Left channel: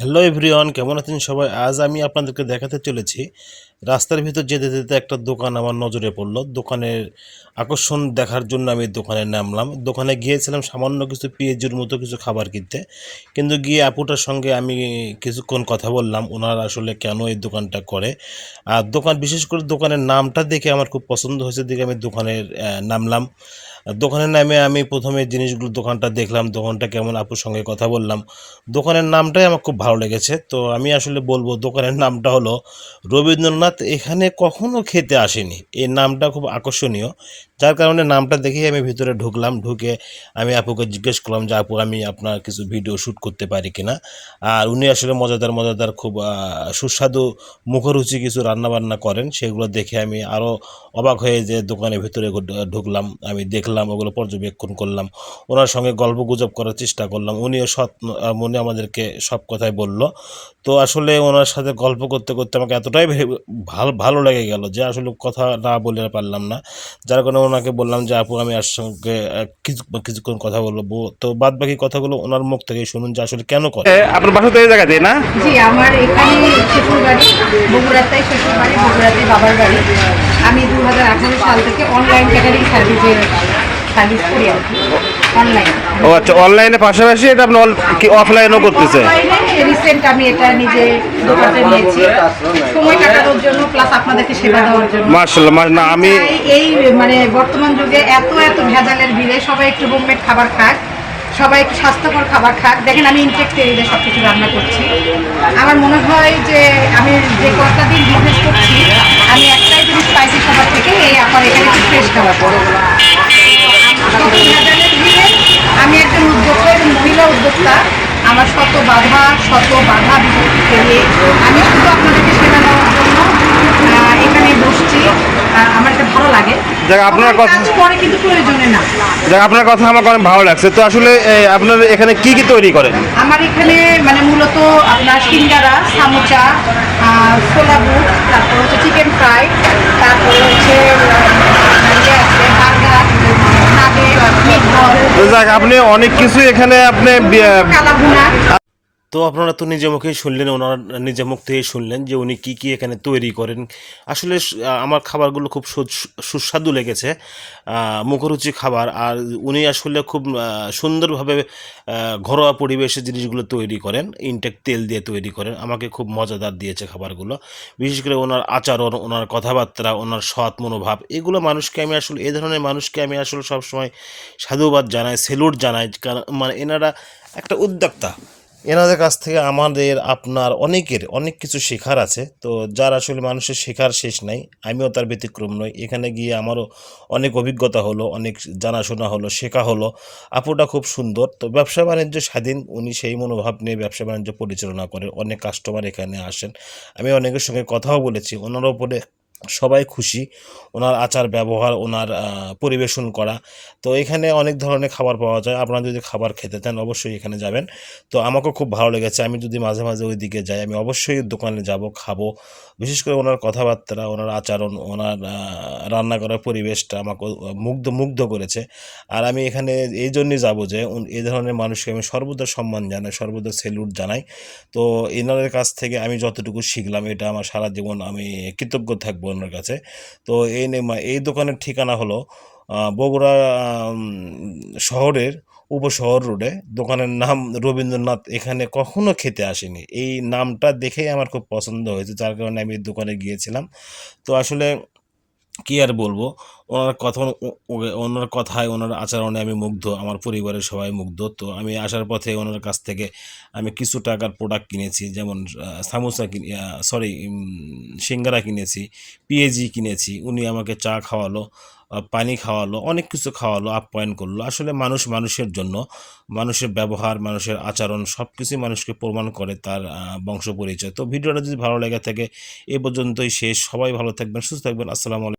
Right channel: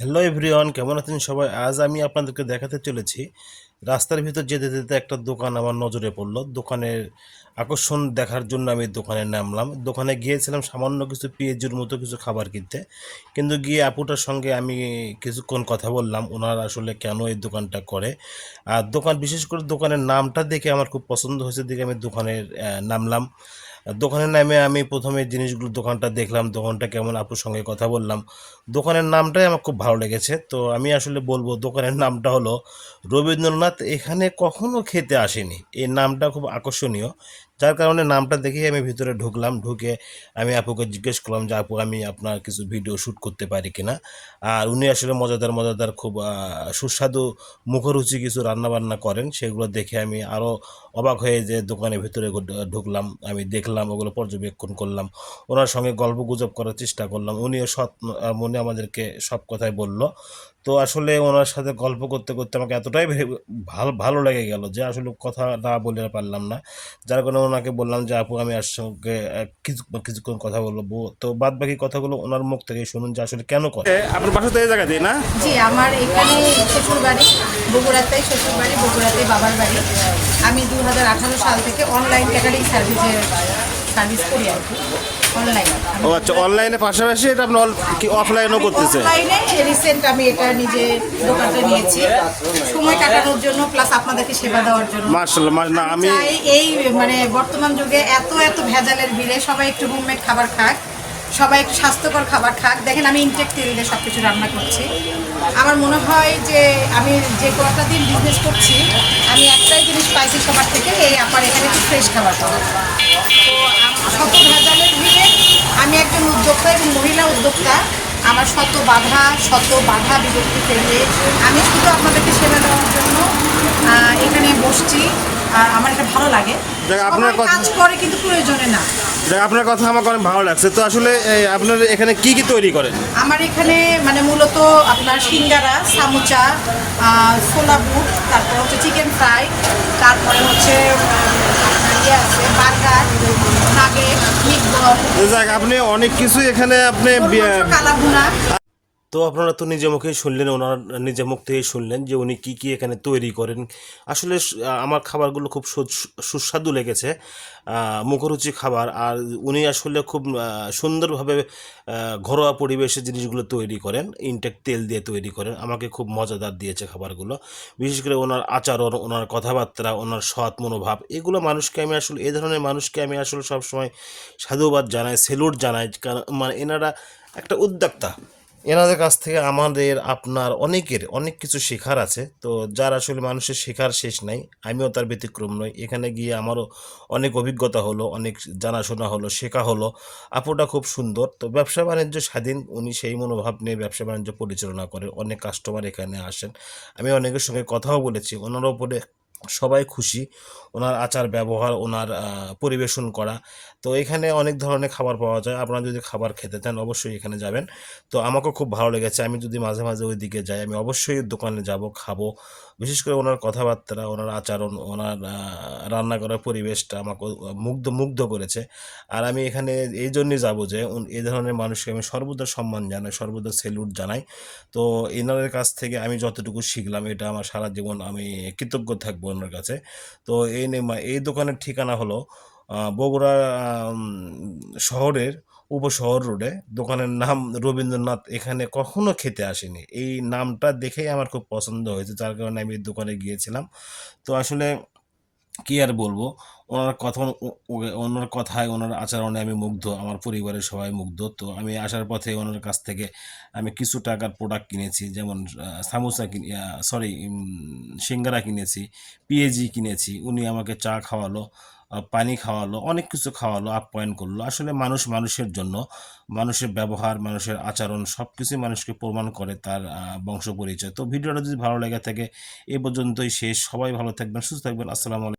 Hello everyone, কেমন আছেন সবাই? আজ আমি আপনাদেরকে দেখাতে চলেছি রাস্তার ভিতর যেতে যেতে একটা দোকান আমার নজরে পড়লো। দোকানের আকর্ষণ দেখার জন্য আমি দোকানে নামলাম। দোকানে গিয়েছিলাম সামান্য কিছু পেঁয়াজুর মতো কিছু খাবার কিনতে, কিন্তু গিয়ে আপুটার সঙ্গে আমি কিছুক্ষণ কথা বললাম ওনার আসলে কেন এই দোকানটা করে। আর বিশেষ করে দোকানের নামটা দেখে আমার খুব পছন্দ হয়েছে, দেখে আমি দোকানের নামলাম। দোকানের নামে আমি প্রথমে জিনিসগুলো দোকানটা দেখলাম, দোকানটা কেমন, আপুর সঙ্গে কথা বললাম। দোকানের নামটাই আমার খুব ভালো লেগেছে। তো আমি আসলে বলবো দোকানের নামটা হলো রবীন্দ্রনাথ এখানে কখনো খেতে আসেনি। এই নামটা খুব আকর্ষণীয়, যার কারণে নামটা দেখেই আমি ভিতরে ঢুকলাম। ঢুকে আমি আপুকে জিজ্ঞেস করলাম যে আপু, আমি আপনার কিছু ভিডিও শ্যুট করতে পারি কিনা। আর উনি আসলে মজাদার মজাদার খুব সুস্বাদু মুখরুচি কিছু রান্নাবান্না করেন, সেগুলো দেখে আমি আরও অবাক হয়ে যে দোকানের ভিতরে ঢুকলাম। আমি দেখলাম, ওগুলো পর্যবেক্ষণ করলাম, ওনার সঙ্গে গল্প গুজব করার চেষ্টা করলাম। উনিও সৎ মনে আমাদেরকে সব কথাই বলল। তো আসলে ওনার সাথে গল্প করতে করতে আমাকে এতটাই ভালো ভালো লেগে গেল যে আসলে কথা না বলে পারলাম না। যার কারণে ওনাকে বললাম যে আপু, আমি আর সঙ্গে কিছুক্ষণ কথা বলবো। তো বাদ বাকি কথাগুলো ওনার মুখ থেকে শুনুন যে আসলে কেন করে। আপনার বাসা তো এই জায়গাতে না? জি, আমার এখানে শ্বশুর বাড়ি বগুড়াতে, শ্বশুর বাড়ি বগুড়াতে, বাবার বাড়ি। আমি 2018 সাল থেকে অনলাইন ক্যাটারিং সার্ভিস করি আর কি, অনলাইন। ও আচ্ছা, অনলাইনে পাশাপাশি এটা আপনি কি অফলাইনও করতেছে? অনলাইনে রিসেন্ট আমি এটা নিজে দোকানটা নিয়েছি সময় কাটানোর জন্য, প্লাস আপনাদেরকে সেবা দেওয়ার জন্য। মাশাআল্লাহ, না আমি এই মানে বর্তমান যুগে এত এত ভেজালের ভিড়ে সবাই একটু হোমমেড খাবার খাক, সবাই একটু স্বাস্থ্যকর খাবার খাক। দেখেন আমি ইনটেক তেল দিয়ে সব কিছু রান্না করছি। আমার মনে হয় যে আমি যে কটা দিন বিজনেস করছি, আমি একটাই জিনিস পাইছি সবার থেকে, এই আমার এখানে একটু ফ্রেশ খাবার পাবো। আমি একজন উদ্যোক্তা এবং মহিলা উদ্যোক্তা। আমার শত বাধা বিপত্তি পেরিয়ে আমি শুধু আপনাদেরকে সেবা দেওয়ার জন্য এখানে বসছি। আমার এটা ভালো লাগে। আপনার কথা কাজ করে কিন্তু প্রয়োজনে না। আপনার কথা আমাকে অনেক ভালো লাগছে। তো আসলে আপনার এখানে কি কি তৈরি করেন? আমার এখানে মানে মূলত আপনার সিঙ্গারা, সামোচা, ছোলা বুট, তারপর হচ্ছে চিকেন ফ্রাই, তারপরে হচ্ছে বার্গার, নাগেট, মিটবল, তো যাক, আপনি অনেক কিছু এখানে আপনি কালাভুনা। তো আপনারা তো নিজে মুখেই শুনলেন, ওনার নিজে মুখ থেকেই শুনলেন যে উনি কী কী এখানে তৈরি করেন। আসলে আমার খাবারগুলো খুব সুস্বাদু লেগেছে, মুখরুচি খাবার। আর উনি আসলে খুব সুন্দরভাবে ঘরোয়া পরিবেশে জিনিসগুলো তৈরি করেন, ইনটেক তেল দিয়ে তৈরি করেন। আমাকে খুব মজাদার দিয়েছে খাবারগুলো। বিশেষ করে ওনার আচরণ, ওনার কথাবার্তা, ওনার সৎ মনোভাব, এগুলো মানুষকে আমি আসলে, এই ধরনের মানুষকে আমি আসলে সবসময় সাধুবাদ জানাই, সেলুট জানাই। কারণ মানে এনারা একটা উদ্যোক্তা, এনাদের কাছ থেকে আমাদের আপনার অনেকের অনেক কিছু শেখার আছে। তো যার আসলে মানুষের শেখার শেষ নাই, আমিও তার ব্যতিক্রম নই। এখানে গিয়ে আমারও অনেক অভিজ্ঞতা হলো, অনেক জানাশোনা হলো, শেখা হলো। আপুটা খুব সুন্দর। তো ব্যবসা বাণিজ্য স্বাধীন, উনি সেই মনোভাব নিয়ে ব্যবসা বাণিজ্য পরিচালনা করেন। অনেক কাস্টমার এখানে আসেন, আমি অনেকের সঙ্গে কথাও বলেছি। ওনার ওপরে সবাই খুশি, ওনার আচার ব্যবহার, ওনার পরিবেশন করা। তো এখানে অনেক ধরনের খাবার পাওয়া যায়, আপনারা যদি খাবার খেতে চান অবশ্যই এখানে যাবেন। তো আমাকেও খুব ভালো লেগেছে। আমি যদি মাঝে মাঝে ওই দিকে যাই, আমি অবশ্যই দোকানে যাব, খাবো। বিশেষ করে ওনার কথাবার্তা, ওনার আচরণ, ওনার রান্না করার পরিবেশটা আমাকে মুগ্ধ করেছে। আর আমি এখানে এই জন্যই যাবো যে এই ধরনের মানুষকে আমি সর্বদা সম্মান জানাই, সর্বদা সেলুট জানাই। তো এনাদের কাছ থেকে আমি যতটুকু শিখলাম, এটা আমার সারা জীবন আমি কৃতজ্ঞ থাকবো ওনার কাছে। তো এই দোকানের ঠিকানা হলো বগুড়া শহরের উপশহর রোডে। দোকানের নাম রবীন্দ্রনাথ এখানে কখনো খেতে আসেনি। এই নামটা দেখেই আমার খুব পছন্দ হয়েছে, যার কারণে আমি এই দোকানে গিয়েছিলাম। তো আসলে কি আর বলবো, ওনার কথা, ওনার কথায়, ওনার আচরণে আমি মুগ্ধ, আমার পরিবারের সবাই মুগ্ধ। তো আমি আসার পথে ওনার কাছ থেকে আমি কিছু টাকার প্রোডাক্ট কিনেছি, যেমন সামোসা সরি সিঙ্গারা কিনেছি, পেঁয়াজি কিনেছি। উনি আমাকে চা খাওয়ালো, পানি খাওয়ালো, অনেক কিছু খাওয়ালো, আপ্যায়ন করলো। আসলে মানুষ মানুষের জন্য, মানুষের ব্যবহার, মানুষের আচরণ সব কিছুই মানুষকে প্রমাণ করে তার বংশ পরিচয়। তো ভিডিওটা যদি ভালো লেগে থাকে, এ পর্যন্তই শেষ। সবাই ভালো থাকবেন, সুস্থ থাকবেন। আসসালামু আলাইকুম।